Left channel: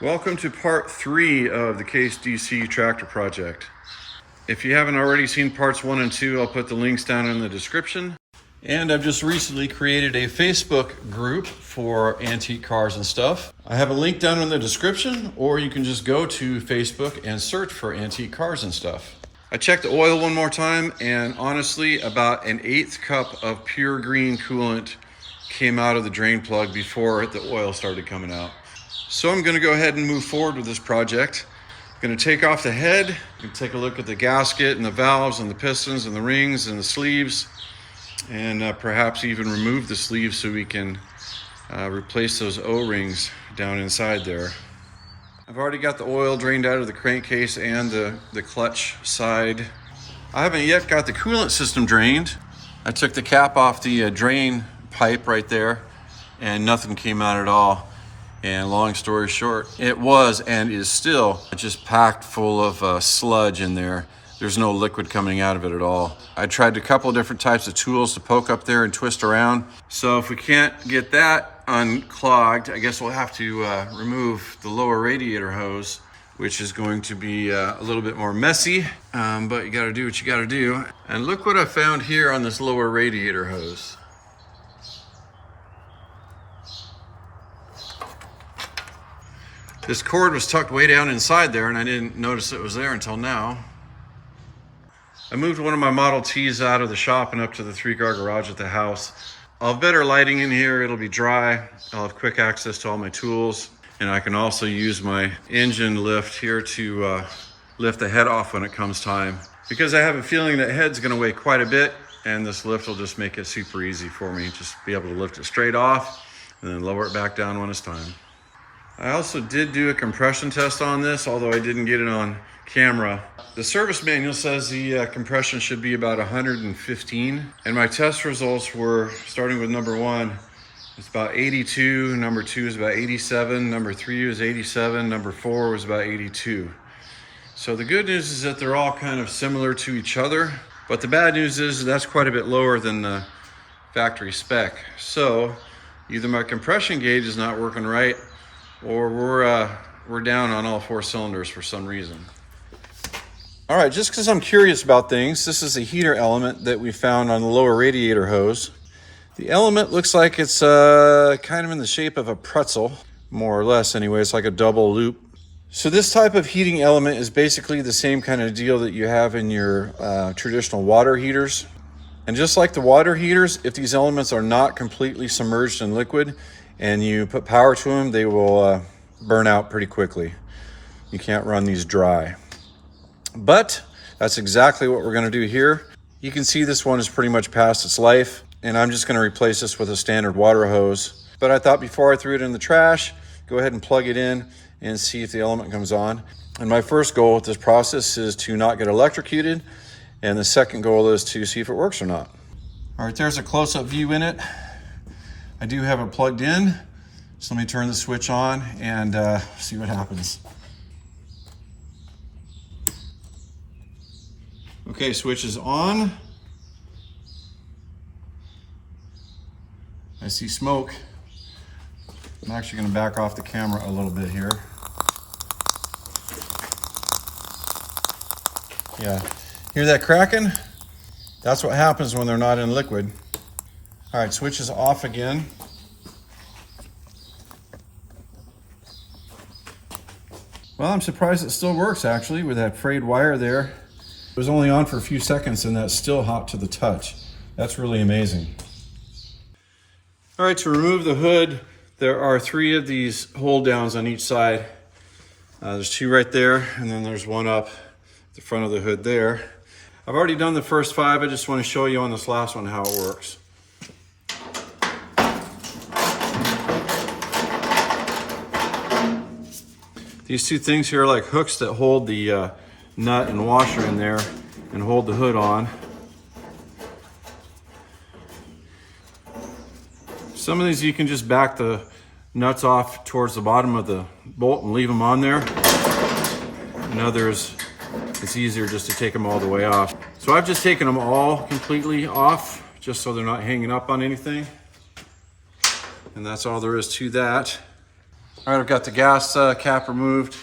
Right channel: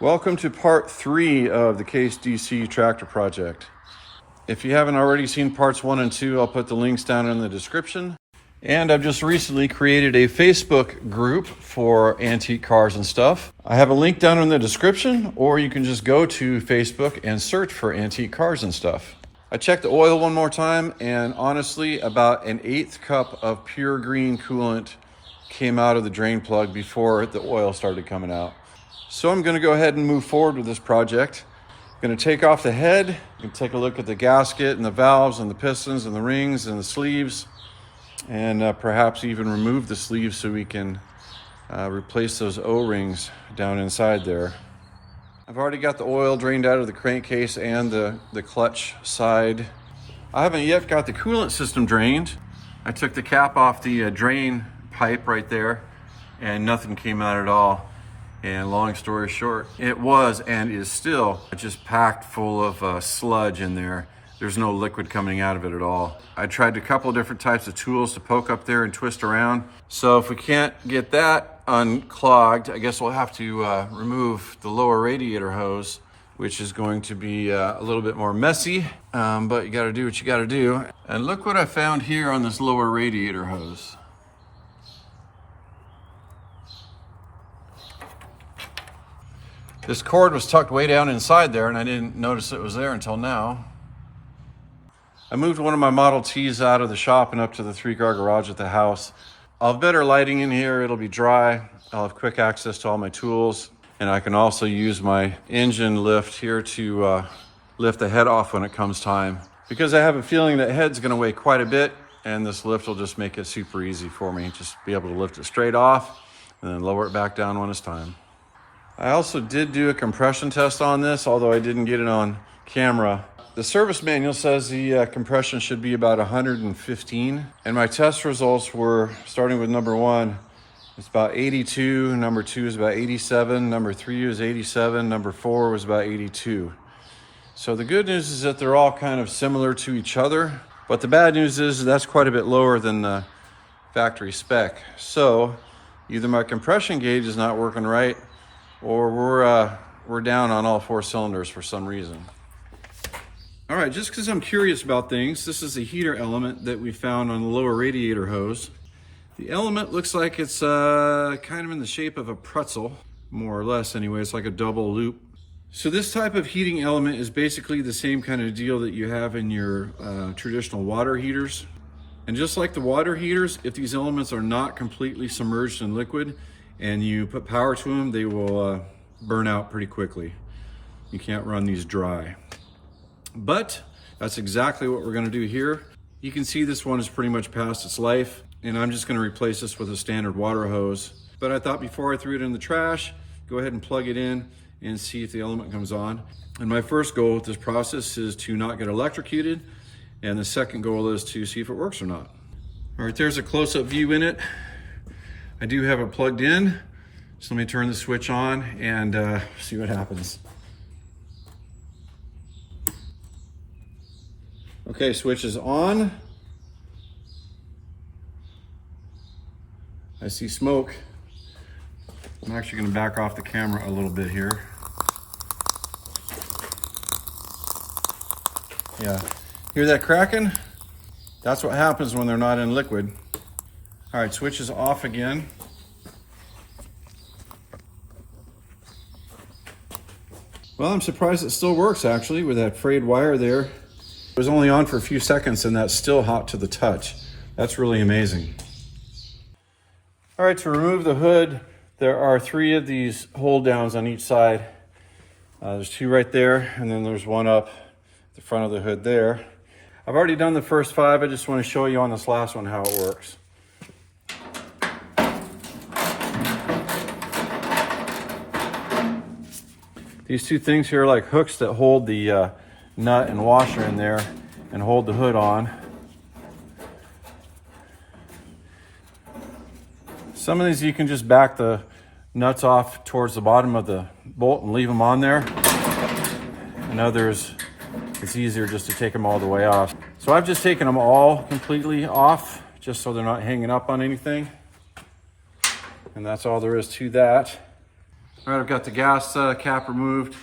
Welcome to part 3 of the Case DC tractor project. If you haven't already seen parts 1 and 2, I'll put the links down in the description. And I've just recently created a Facebook group for antique cars and stuff. I have a link down in the description, or you can just go to Facebook and search for antique cars and stuff. I checked the oil one more time, and honestly, about an 1/8 cup of pure green coolant came out of the drain plug before the oil started coming out. So I'm gonna go ahead and move forward with this project. I'm gonna take off the head and take a look at the gasket and the valves and the pistons and the rings and the sleeves, and perhaps even remove the sleeves so we can replace those O-rings down inside there. I've already got the oil drained out of the crankcase and the clutch side. I haven't yet got the coolant system drained. I took the cap off the drain pipe right there and nothing came out at all. And long story short, it was and is still just packed full of sludge in there. There's no liquid coming out of it at all. I tried a couple of different types of tools to poke up there and twist around. So if we can't get that unclogged, I guess we'll have to remove the lower radiator hose, which is going to be a little bit more messy, but you gotta do what you gotta do. And look what I found here on this lower radiator hose. This cord was tucked way down inside there, and I didn't notice it was there until now. I moved one of my Model Ts out of the shop and up to the 3-car garage at the house. I'll have better lighting in here, it'll be dry. I'll have quick access to all my tools, and I can also use my engine lift here to lift the head off when it comes time. Because I have a feeling that head's gonna weigh quite a bit, and this lift will just make it super easy for me. Just be able to lift it straight off and then lower it back down when it's time. I also did do a compression test on this, although I didn't get it on camera. The service manual says the compression should be about 115, and my test results were, starting with number 1, it's about 82, number 2 is about 87, number 3 was 87, number 4 was about 82. So the good news is that they're all kind of similar to each other, but the bad news is that's quite a bit lower than the factory spec. So either my compression gauge is not working right, or we're down on all 4 cylinders for some reason. All right, just because I'm curious about things, this is a heater element that we found on the lower radiator hose. The element looks like it's kind of in the shape of a pretzel, more or less anyway. It's like a double loop. So this type of heating element is basically the same kind of deal that you have in your traditional water heaters. And just like the water heaters, if these elements are not completely submerged in liquid, and you put power to them, they will burn out pretty quickly. You can't run these dry. But that's exactly what we're gonna do here. You can see this one is pretty much past its life, and I'm just gonna replace this with a standard water hose. But I thought before I threw it in the trash, go ahead and plug it in and see if the element comes on. And my first goal with this process is to not get electrocuted, and the second goal is to see if it works or not. All right, there's a close-up view in it. I do have it plugged in, so let me turn the switch on and see what happens. Okay, switch is on. I see smoke. I'm actually gonna back off the camera a little bit here. Yeah, hear that cracking? That's what happens when they're not in liquid. All right, switch is off again. Well, I'm surprised it still works actually with that frayed wire there. It was only on for a few seconds and that's still hot to the touch. That's really amazing. All right, to remove the hood, there are 3 of these hold downs on each side. There's 2 right there, and then there's 1 up the front of the hood there. I've already done the first 5. I just want to show you on this last one how it works. These 2 things here are like hooks that hold the nut and washer in there and hold the hood on. Some of these you can just back the nuts off towards the bottom of the bolt and leave them on there. And others, it's easier just to take them all the way off. So I've just taken them all completely off just so they're not hanging up on anything. And that's all there is to that. All right, I've got the gas cap removed,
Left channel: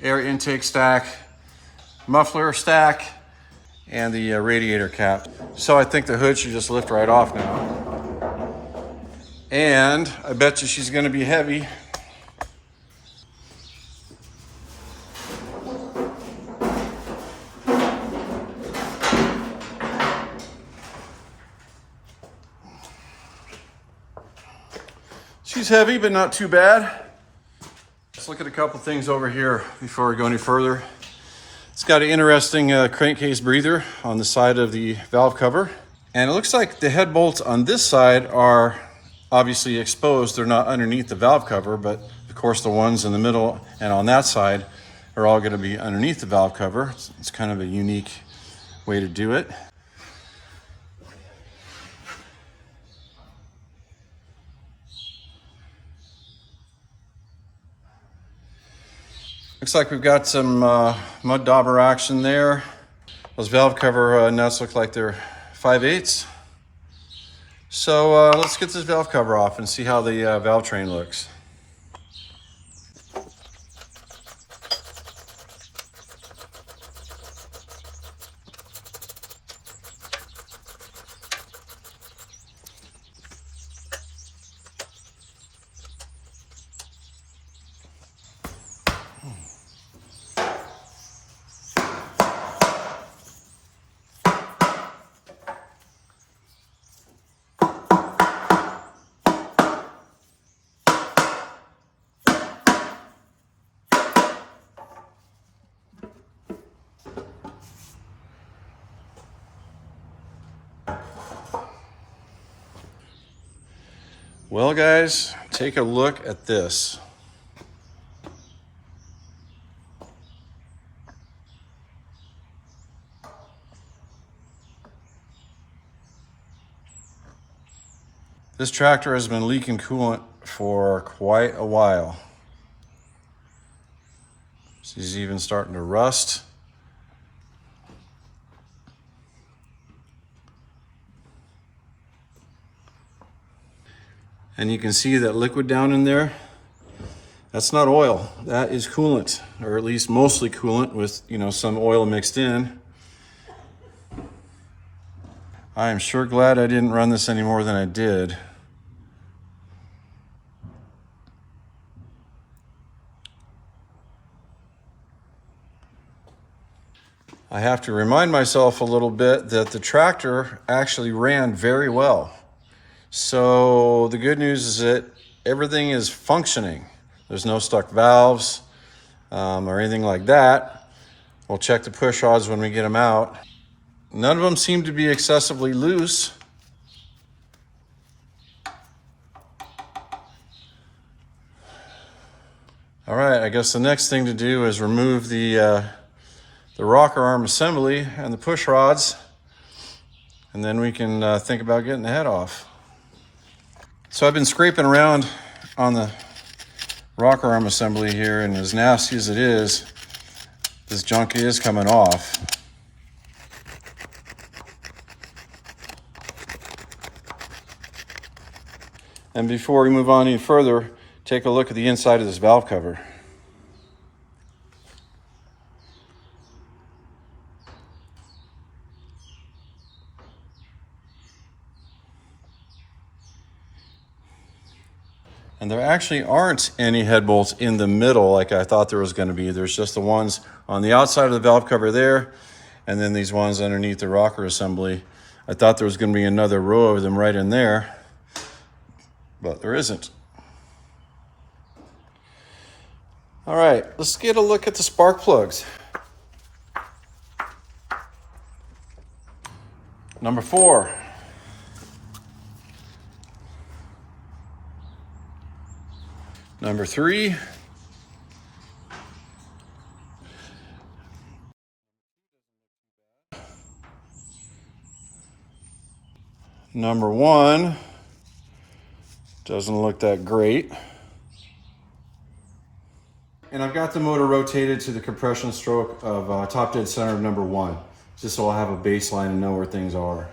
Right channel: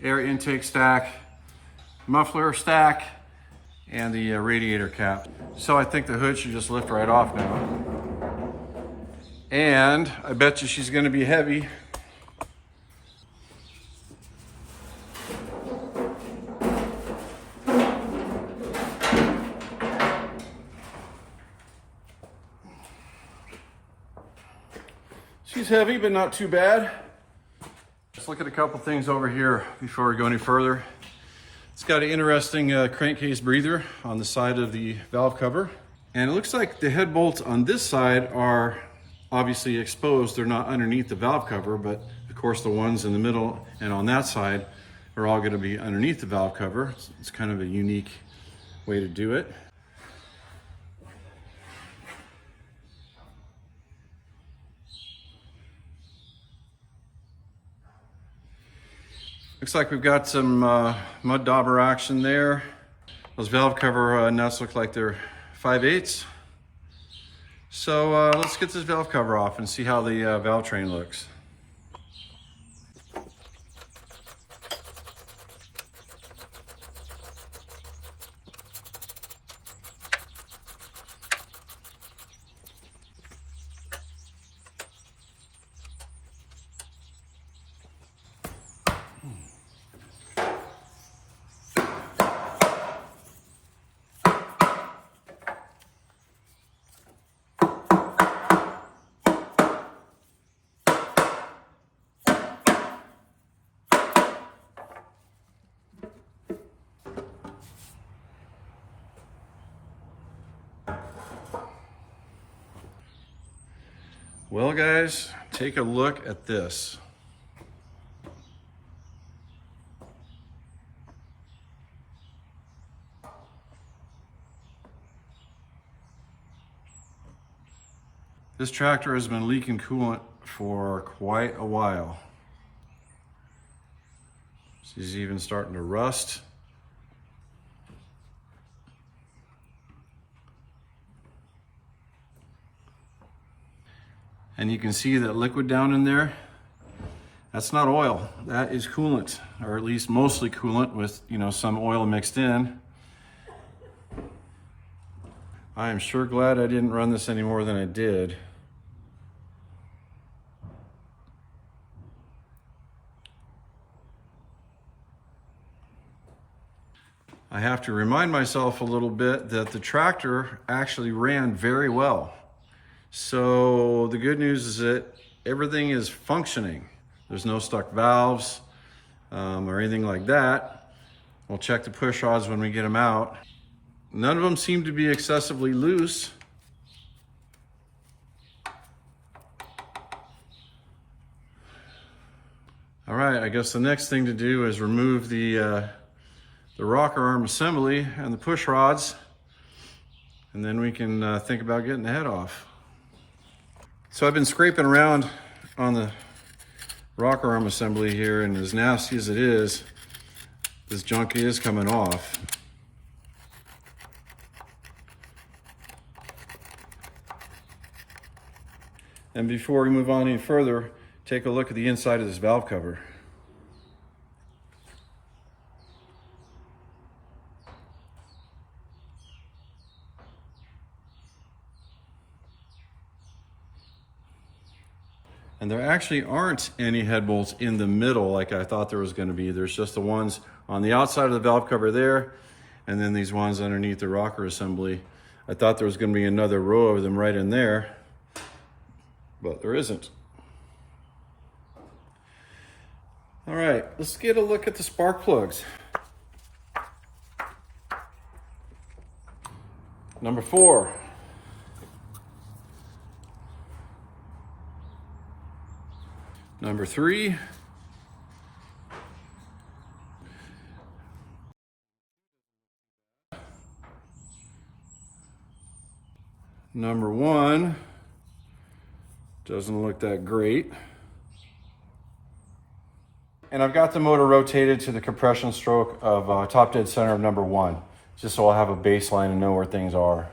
air intake stack, muffler stack, and the radiator cap. So I think the hood should just lift right off now. And I bet you she's gonna be heavy. She's heavy, but not too bad. Let's look at a couple things over here before we go any further. It's got an interesting crankcase breather on the side of the valve cover. And it looks like the head bolts on this side are obviously exposed. They're not underneath the valve cover, but of course the ones in the middle and on that side are all gonna be underneath the valve cover. It's kind of a unique way to do it. Looks like we've got some mud dauber action there. Those valve cover nuts look like they're 5/8. So let's get this valve cover off and see how the valve train looks. Well, guys, take a look at this. This tractor has been leaking coolant for quite a while. She's even starting to rust. And you can see that liquid down in there. That's not oil, that is coolant, or at least mostly coolant with, some oil mixed in. I am sure glad I didn't run this any more than I did. I have to remind myself a little bit that the tractor actually ran very well. So the good news is that everything is functioning. There's no stuck valves or anything like that. We'll check the push rods when we get them out. None of them seem to be excessively loose. All right, I guess the next thing to do is remove the rocker arm assembly and the push rods, and then we can think about getting the head off. So I've been scraping around on the rocker arm assembly here, and as nasty as it is, this junk is coming off. And before we move on any further, take a look at the inside of this valve cover. And there actually aren't any head bolts in the middle like I thought there was going to be. There's just the ones on the outside of the valve cover there, and then these ones underneath the rocker assembly. I thought there was going to be another row of them right in there, but there isn't. All right, let's get a look at the spark plugs. Number 4. Number 3. Number 1 doesn't look that great. And I've got the motor rotated to the compression stroke of top dead center of number 1, just so I'll have a baseline and know where things are.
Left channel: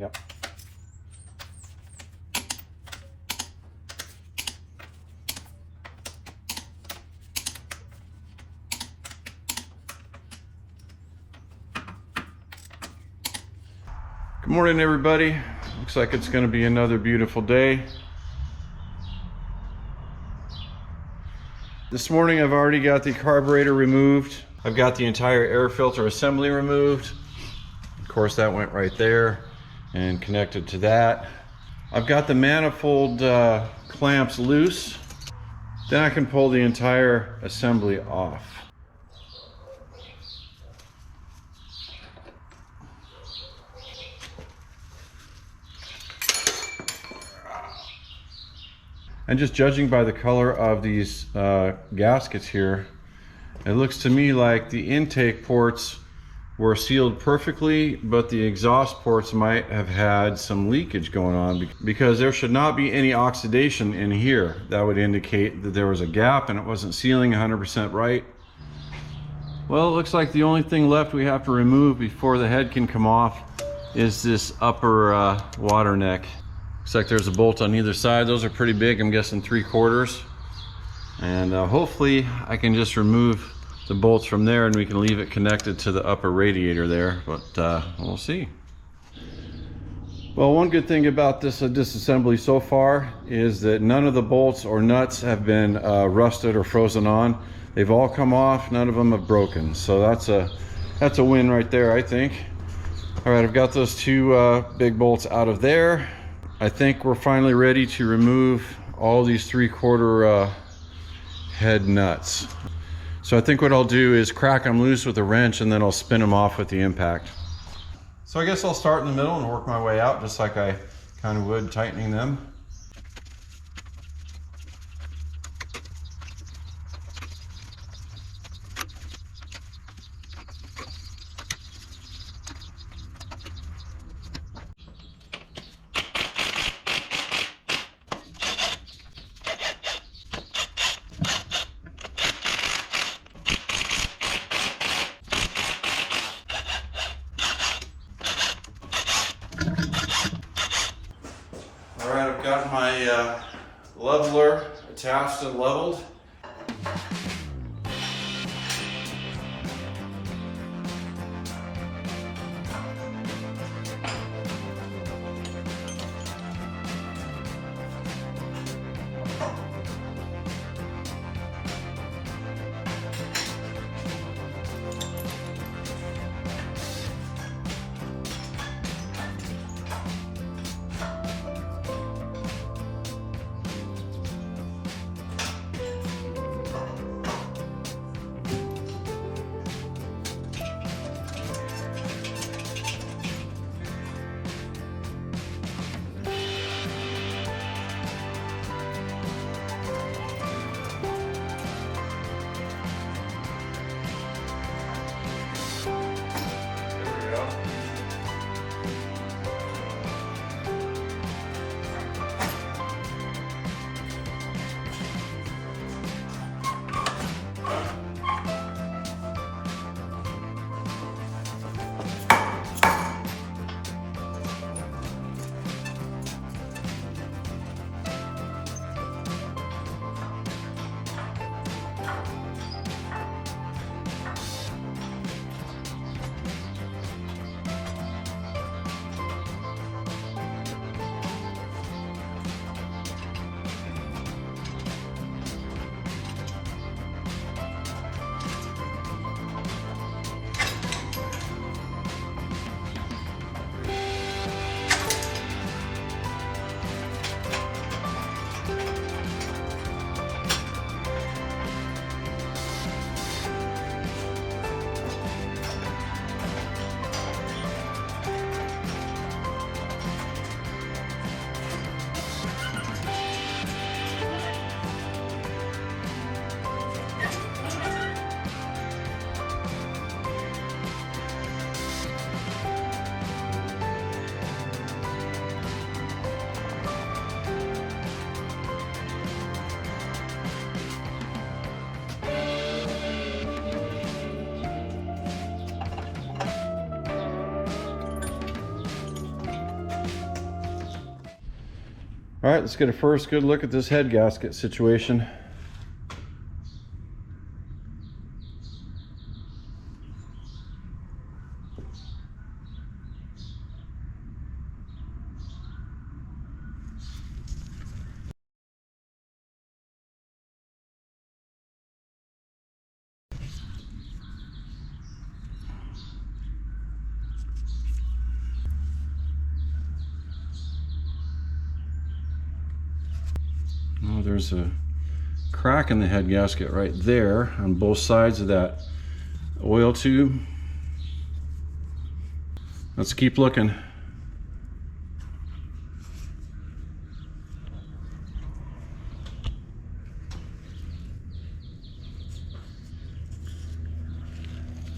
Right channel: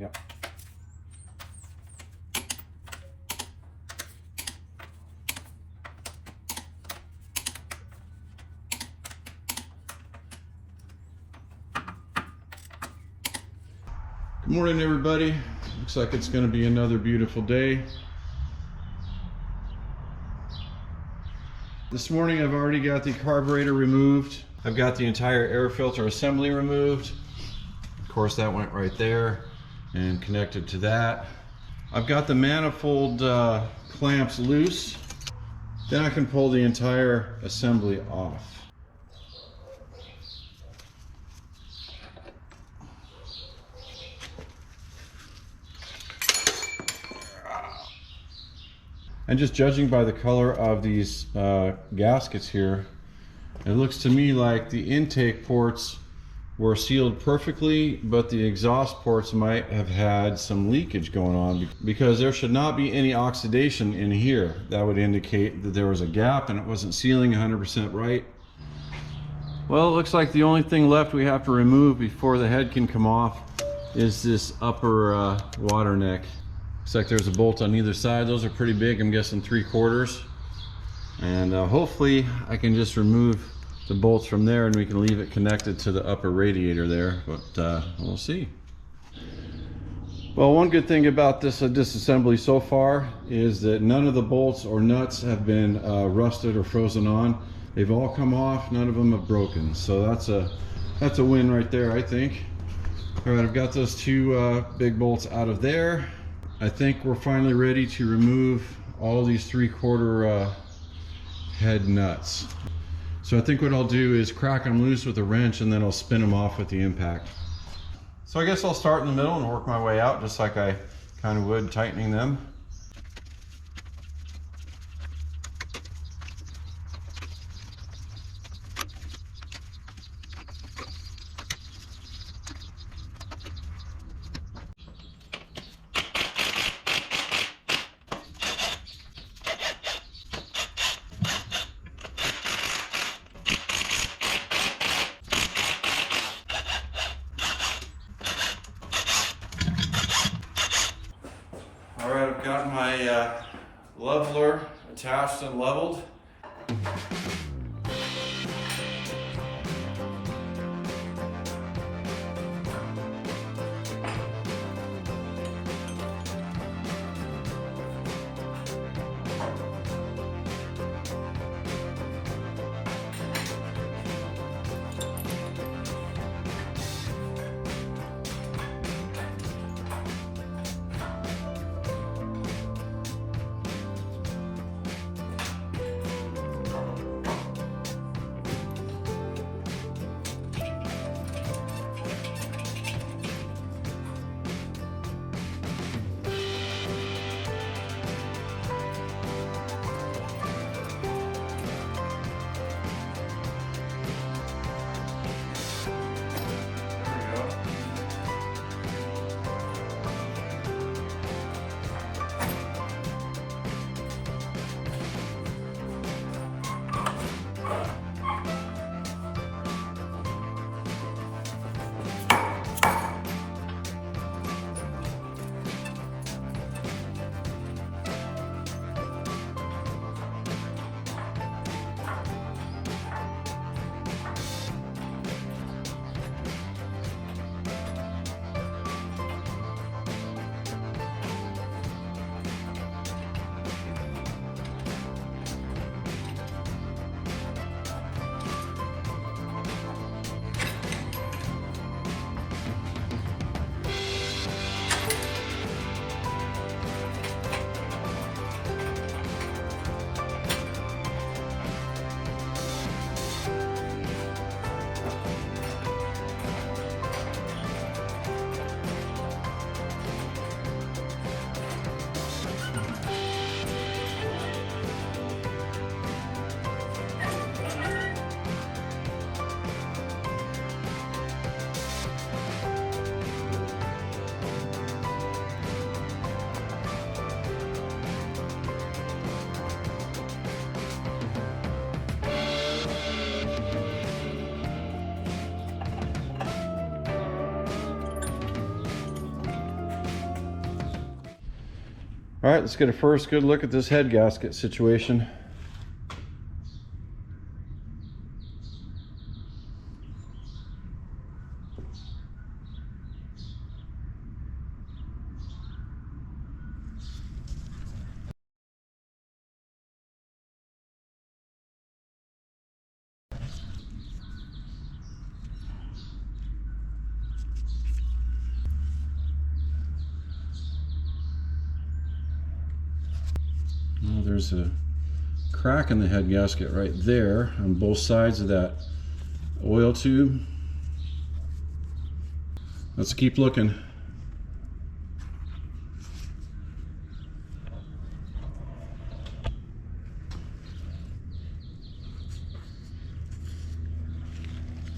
Yep. Good morning, everybody. Looks like it's going to be another beautiful day. This morning I've already got the carburetor removed. I've got the entire air filter assembly removed. Of course, that went right there and connected to that. I've got the manifold clamps loose. Then I can pull the entire assembly off. And just judging by the color of these gaskets here, it looks to me like the intake ports were sealed perfectly, but the exhaust ports might have had some leakage going on, because there should not be any oxidation in here. That would indicate that there was a gap and it wasn't sealing 100% right. Well, it looks like the only thing left we have to remove before the head can come off is this upper water neck. Looks like there's a bolt on either side. Those are pretty big, I'm guessing 3/4. And hopefully I can just remove the bolts from there and we can leave it connected to the upper radiator there, but we'll see. Well, one good thing about this disassembly so far is that none of the bolts or nuts have been rusted or frozen on. They've all come off, none of them have broken. So that's a win right there, I think. All right, I've got those two big bolts out of there. I think we're finally ready to remove all these 3/4 head nuts. So I think what I'll do is crack them loose with a wrench and then I'll spin them off with the impact. So I guess I'll start in the middle and work my way out just like I kind of would tightening them. All right, I've got my leveler attached and leveled. All right, let's get a first good look at this head gasket situation. Oh, there's a crack in the head gasket right there on both sides of that oil tube. Let's keep looking.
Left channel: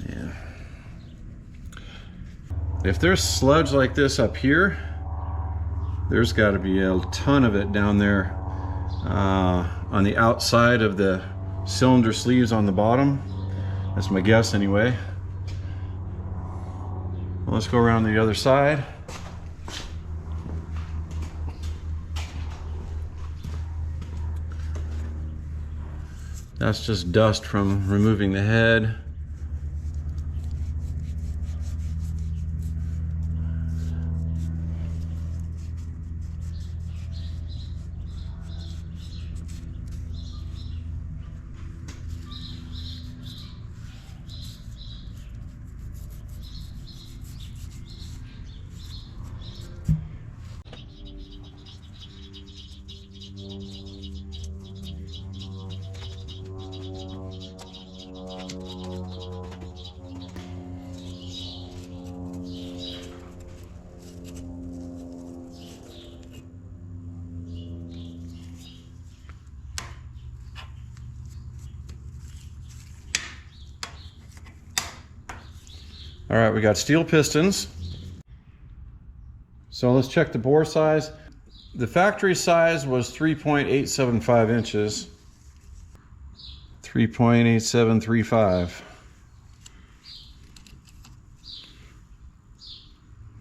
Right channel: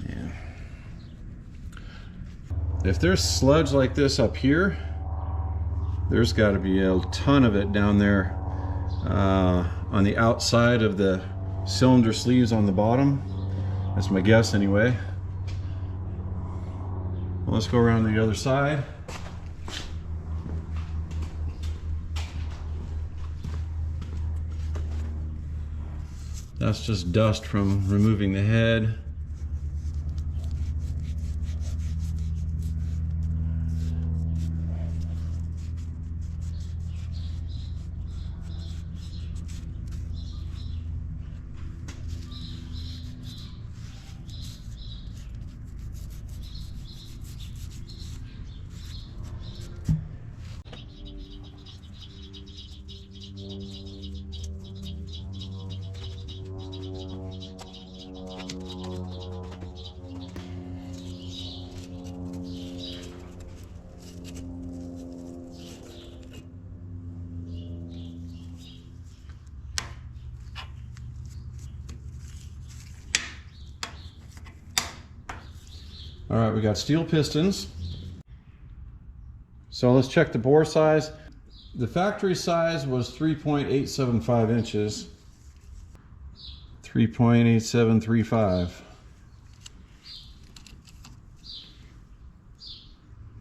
Yeah. If there's sludge like this up here, there's got to be a ton of it down there on the outside of the cylinder sleeves on the bottom. That's my guess anyway. Well, let's go around the other side. That's just dust from removing the head. All right, we got steel pistons. So let's check the bore size. The factory size was 3.875 inches. 3.8735.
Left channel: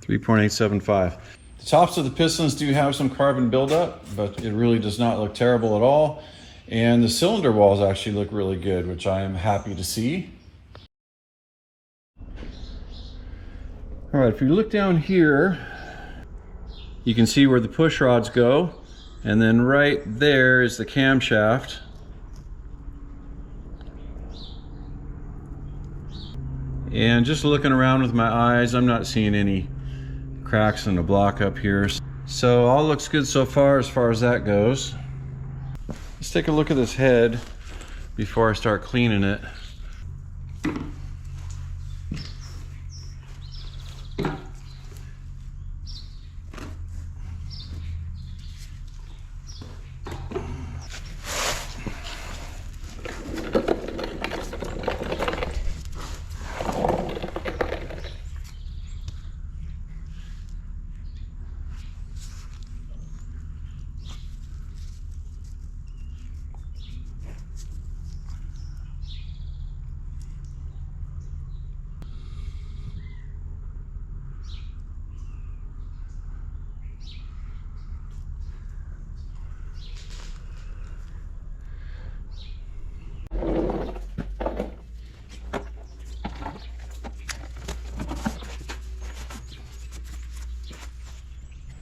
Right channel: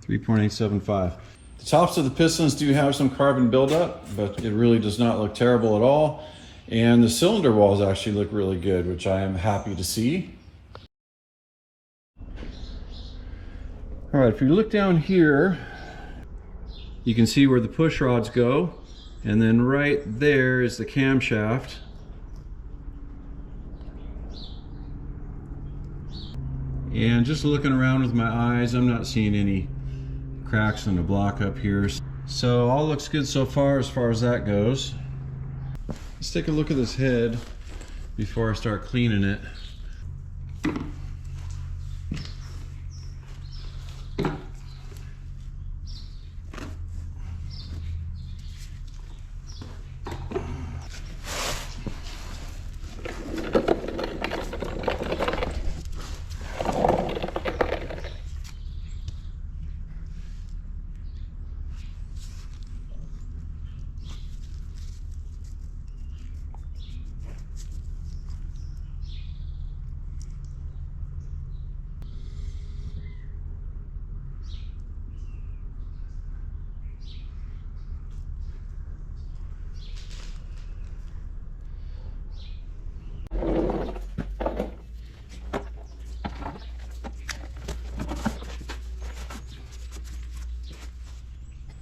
3.875. The tops of the pistons do have some carbon buildup, but it really does not look terrible at all. And the cylinder walls actually look really good, which I am happy to see. All right, if you look down here, you can see where the push rods go, and then right there is the camshaft. And just looking around with my eyes, I'm not seeing any cracks in the block up here. So all looks good so far as that goes. Let's take a look at this head before I start cleaning it.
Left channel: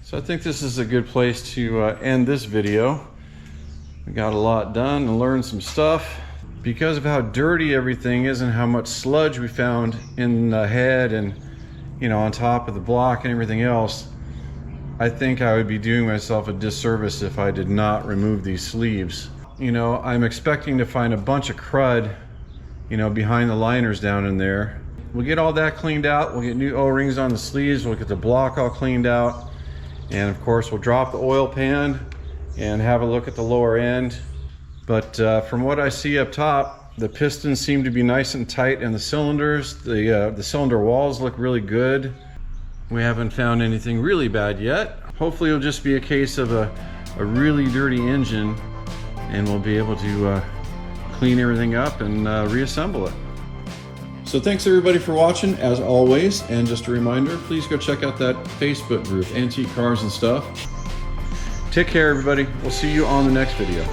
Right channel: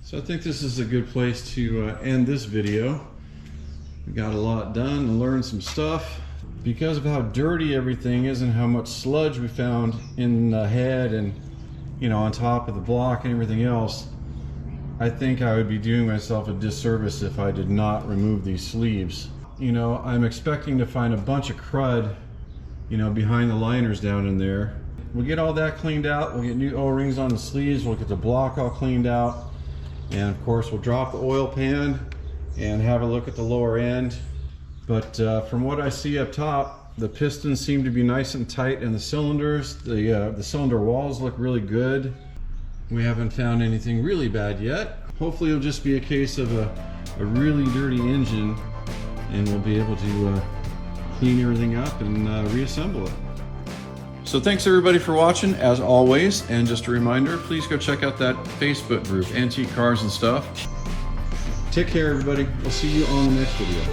So I think this is a good place to end this video. We got a lot done and learned some stuff. Because of how dirty everything is and how much sludge we found in the head and, you know, on top of the block and everything else, I think I would be doing myself a disservice if I did not remove these sleeves. You know, I'm expecting to find a bunch of crud, you know, behind the liners down in there. We'll get all that cleaned out. We'll get new O-rings on the sleeves. We'll get the block all cleaned out. And of course, we'll drop the oil pan and have a look at the lower end. But from what I see up top, the pistons seem to be nice and tight in the cylinders. The cylinder walls look really good. We haven't found anything really bad yet. Hopefully it'll just be a case of a really dirty engine, and we'll be able to clean everything up and reassemble it. So thanks everybody for watching, as always, and just a reminder, please go check out that Facebook group, Antique Cars and Stuff. Take care, everybody. We'll see you on the next video.